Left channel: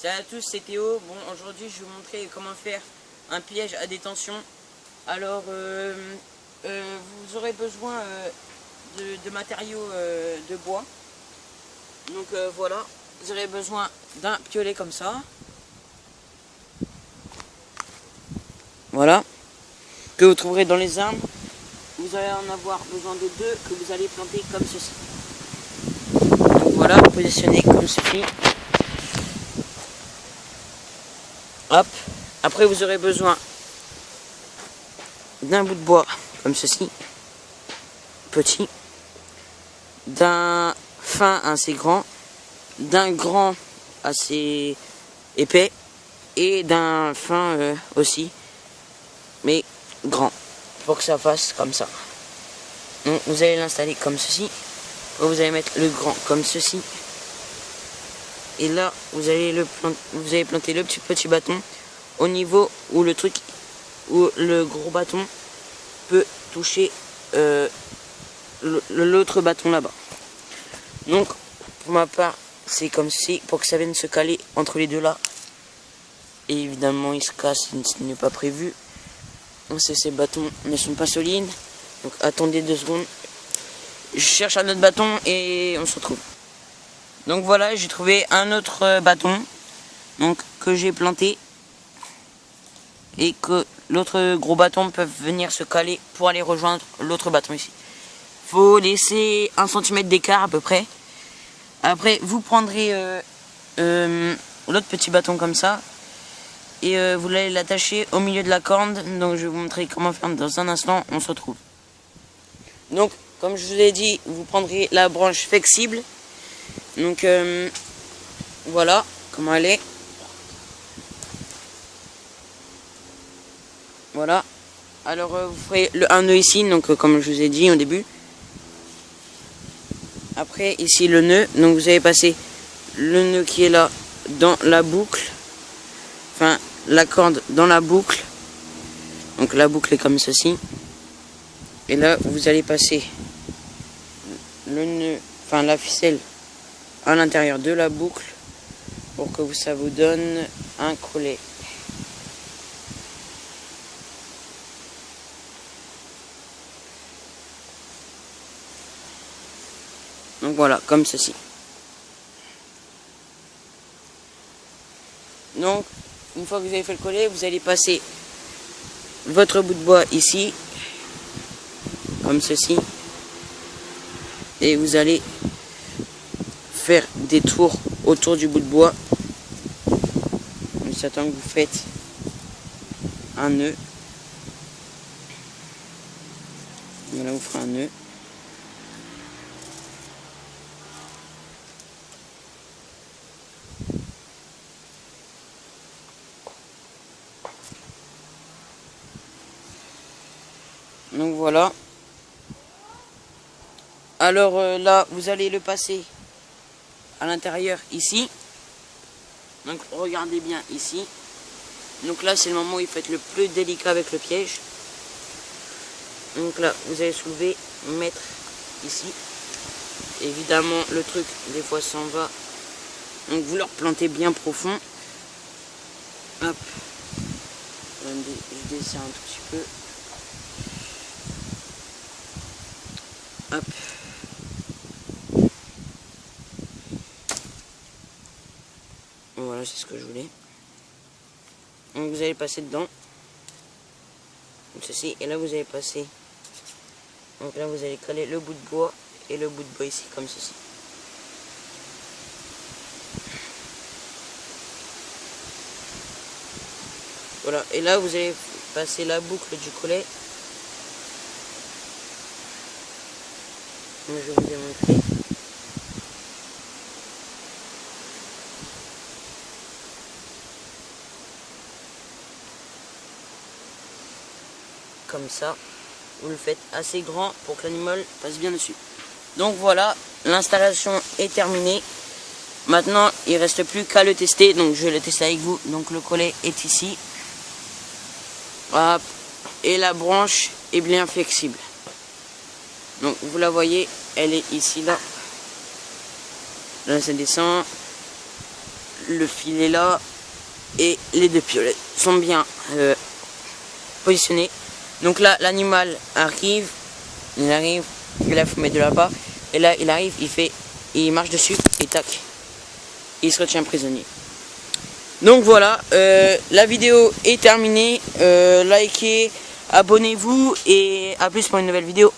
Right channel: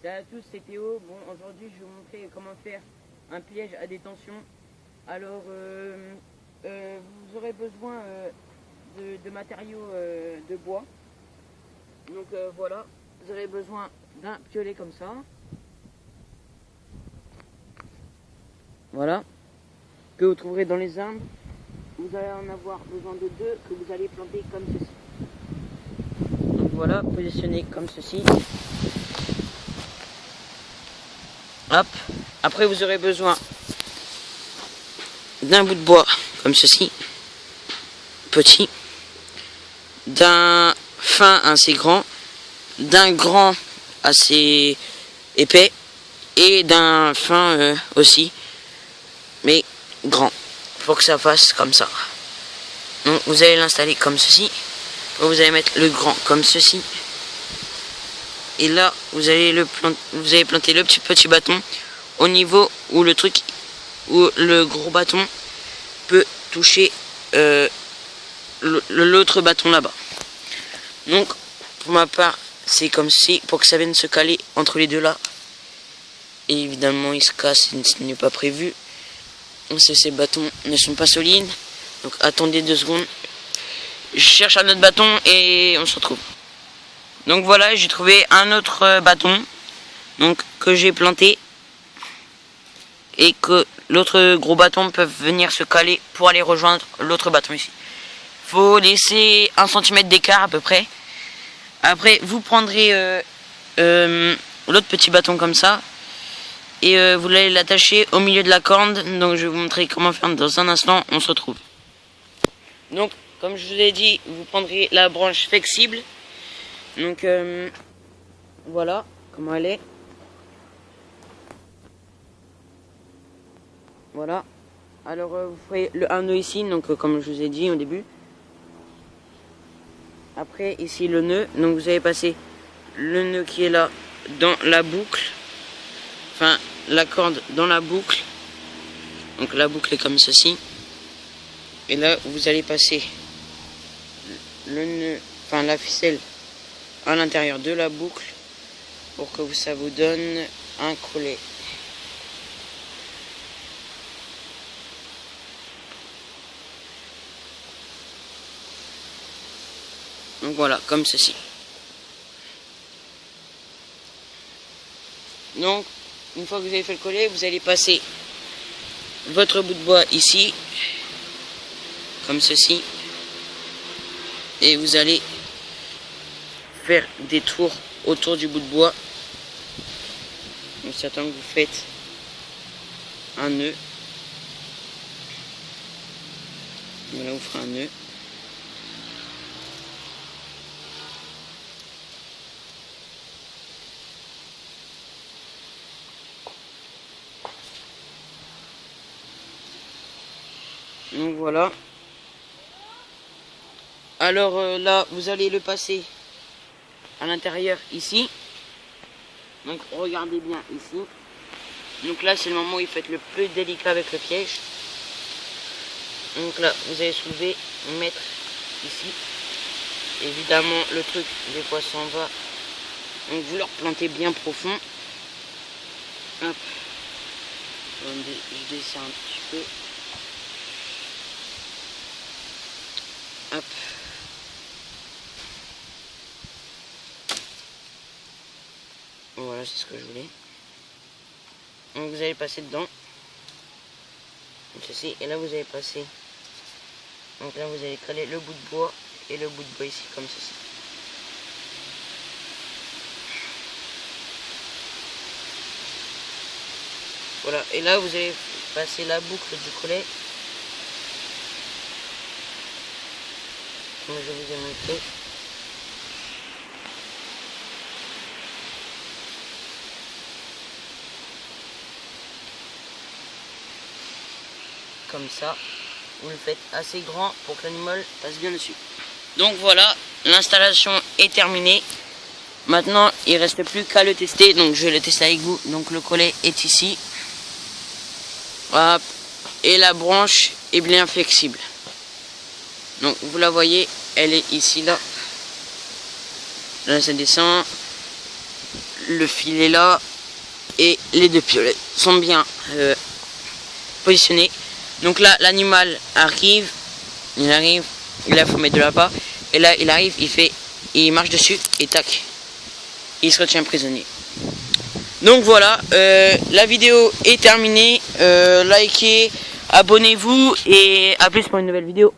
Salut à tous, c'est Théo. Bon, aujourd'hui je vais vous montrer comment faire un piège à détention. Alors, vous aurez besoin de matériaux de bois. Donc voilà, vous aurez besoin d'un piolet comme ça. Voilà, que vous trouverez dans les arbres. Vous allez en avoir besoin de deux que vous allez planter comme ceci. Donc voilà, positionnez comme ceci. Hop. Après vous aurez besoin d'un bout de bois comme ceci, petit, d'un fin assez grand, d'un grand assez épais et d'un fin aussi, mais grand, pour que ça fasse comme ça. Donc vous allez l'installer comme ceci, vous allez mettre le grand comme ceci, et là vous allez planter le petit bâton au niveau où le truc, où le gros bâton peut toucher l'autre bâton là-bas. Donc pour ma part c'est comme ceci, pour que ça vienne se caler entre les deux là. Et évidemment il se casse, ce n'est pas prévu. Ces bâtons ne sont pas solides, donc attendez 2 secondes. Je cherche un autre bâton et on se retrouve. Donc voilà, j'ai trouvé un autre bâton, donc que j'ai planté, et que l'autre gros bâton peut venir se caler pour aller rejoindre l'autre bâton ici. Il faut laisser 1 cm d'écart à peu près. Après vous prendrez l'autre petit bâton comme ça, et vous allez l'attacher au milieu de la corde. Donc je vais vous montrer comment faire dans un instant, on se retrouve. Donc comme je vous l'ai dit, vous prendrez la branche flexible. Donc voilà comment elle est. Voilà. Alors vous ferez un nœud ici, donc comme je vous ai dit au début. Après ici le nœud, donc vous allez passer le nœud qui est là dans la boucle. Enfin la corde dans la boucle. Donc la boucle est comme ceci. Et là vous allez passer le nœud, enfin la ficelle à l'intérieur de la boucle pour que ça vous donne un collet. Donc voilà, comme ceci. Donc une fois que vous avez fait le collet, vous allez passer votre bout de bois ici, comme ceci, et vous allez faire des tours autour du bout de bois. Donc j'attends que vous faites un nœud. Voilà, vous ferez un nœud. Donc voilà. Alors là, vous allez le passer à l'intérieur ici. Donc regardez bien ici. Donc là, c'est le moment où il faut être le plus délicat avec le piège. Donc là, vous allez soulever, mettre ici. Évidemment, le truc, des fois, s'en va. Donc vous le replantez bien profond. Hop. Je desserre un tout petit peu. Hop. Voilà, c'est ce que je voulais. Donc vous allez passer dedans. Ceci, et là vous allez passer. Donc là vous allez coller le bout de bois et le bout de bois ici, comme ceci. Voilà, et là vous allez passer la boucle du collet. Comme je vous ai montré. Comme ça, vous le faites assez grand pour que l'animal passe bien dessus. Donc voilà, l'installation est terminée. Maintenant, il ne reste plus qu'à le tester, donc je vais le tester avec vous. Donc le collet est ici. Hop. Et la branche est bien flexible. Donc vous la voyez, elle est ici, là. Là ça descend. le fil est là et les deux piolets sont bien positionnés. Donc là l'animal arrive, il arrive, là il faut mettre de là-bas, et là il arrive, il marche dessus et tac, il se retient prisonnier. Donc voilà, la vidéo est terminée, likez, abonnez-vous et à plus pour une nouvelle vidéo.